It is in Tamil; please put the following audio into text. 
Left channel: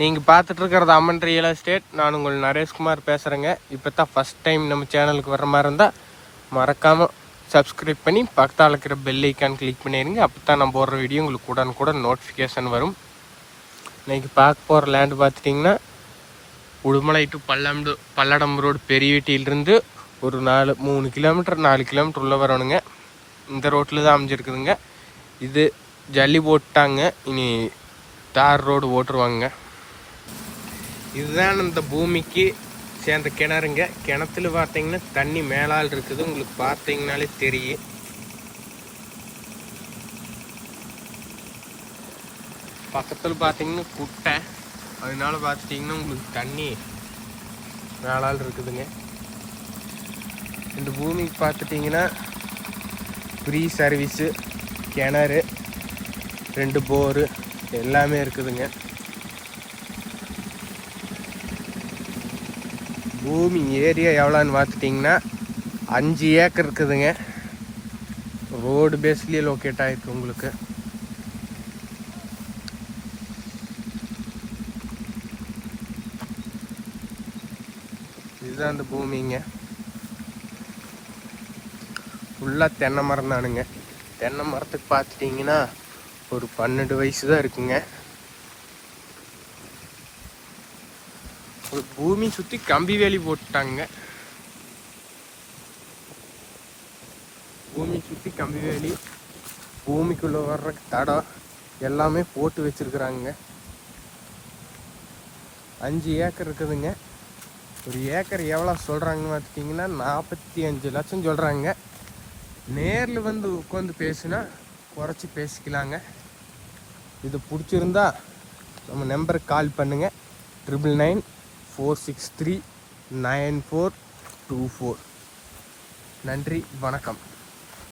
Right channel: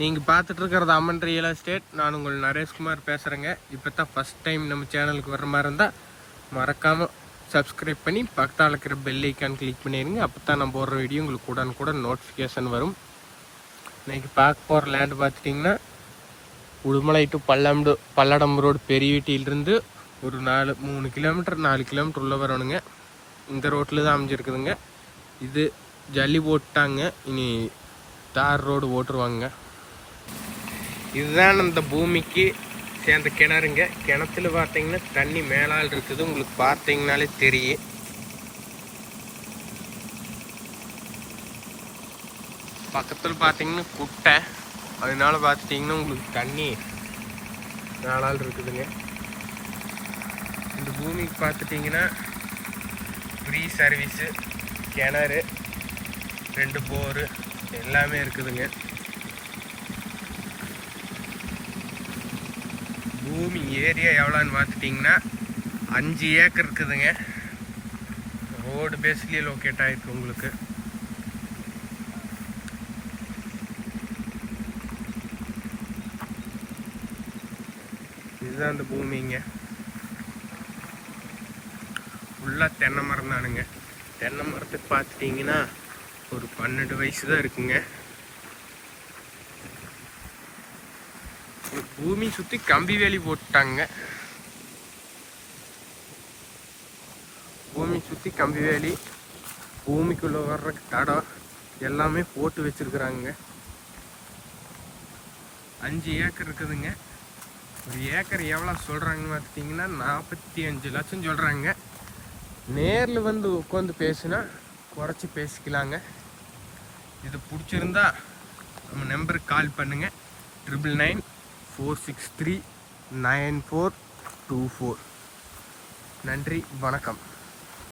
நீங்கள் பார்த்துட்டு இருக்கிறது அம்மன் ரியல் எஸ்டேட் நான் உங்கள் நரேஷ்குமார் பேசுகிறேங்க இப்போ தான் ஃபஸ்ட் டைம் நம்ம சேனலுக்கு வர மாதிரி இருந்தால் மறக்காமல் சப்ஸ்கிரைப் பண்ணி பக்கத்தால் இருக்கிற பெல் ஐக்கான் கிளிக் பண்ணிடுங்க அப்போ தான் நான் போடுற வீடியோ உங்களுக்கு உடனுக்குடன் நோட்டிஃபிகேஷன் வரும். இன்னைக்கு பார்க்க போகிற லேண்டு பார்த்துட்டிங்கன்னா உடுமலை டு பல்லம்டு பல்லடம் ரோடு பெரியவீட்டியிலிருந்து ஒரு நாலு மூணு கிலோமீட்டர் நாலு கிலோமீட்டர் உள்ளே வரணுங்க. இந்த ரோட்டில் தான் அமைஞ்சிருக்குதுங்க. இது ஜல்லி போட்டாங்க. இனி தார் ரோடு ஓட்டுருவாங்க இதுதான் இந்த பூமிக்கு சேர்ந்த கிணறுங்க. கிணத்துல பார்த்தீங்கன்னா தண்ணி மேலால் இருக்குது. உங்களுக்கு பார்த்தீங்கனாலே தெரியும். பக்கத்தில் பார்த்தீங்கன்னா குட்டை. அதனால பார்த்துட்டிங்கன்னா உங்களுக்கு தண்ணி மேலால் இருக்குதுங்க. இந்த பூமிக்கு பார்த்துட்டிங்கன்னா ஃப்ரீ சர்வீஸு கிணறு ரெண்டு போரு எல்லாமே இருக்குதுங்க. பூமி ஏரியா எவ்வளோன்னு பார்த்துட்டிங்கன்னா அஞ்சு ஏக்கர் இருக்குதுங்க. ரோடு பேஸ்லேயே லொக்கேட் ஆகிருக்கு உங்களுக்கு. இதுதான் அந்த பூமிங்க. ஃபுல்லாக தென்னை மரம் தானுங்க தென்னை மரத்துக்கு பார்த்துட்டிங்கன்னா ஒரு பன்னெண்டு வயசு தான் இருக்குங்க. பூமி சுற்றி கம்பி வேலி போட்டாங்க. பூமி சுற்றி கம்பி வேலி பூமிக்குள்ளே வர்ற தடம் எல்லாமே போட்டு வச்சிருக்கிறாங்க. அஞ்சு ஏக்கர் இருக்குதுங்க. ஒரு ஏக்கர் எவ்வளோ சொல்கிறாங்கன்னு பார்த்துட்டிங்கன்னா நாற்பத்தி அஞ்சு லட்சம் சொல்கிறாங்க நேரில் வந்து உட்காந்து பேசுனா குறைச்சி பேசிக்கலாங்க. இது பிடிச்சிருந்தா நம்ம நம்பருக்கு கால் பண்ணுங்கள் triple nine four six three nine four two four நன்றி வணக்கம்.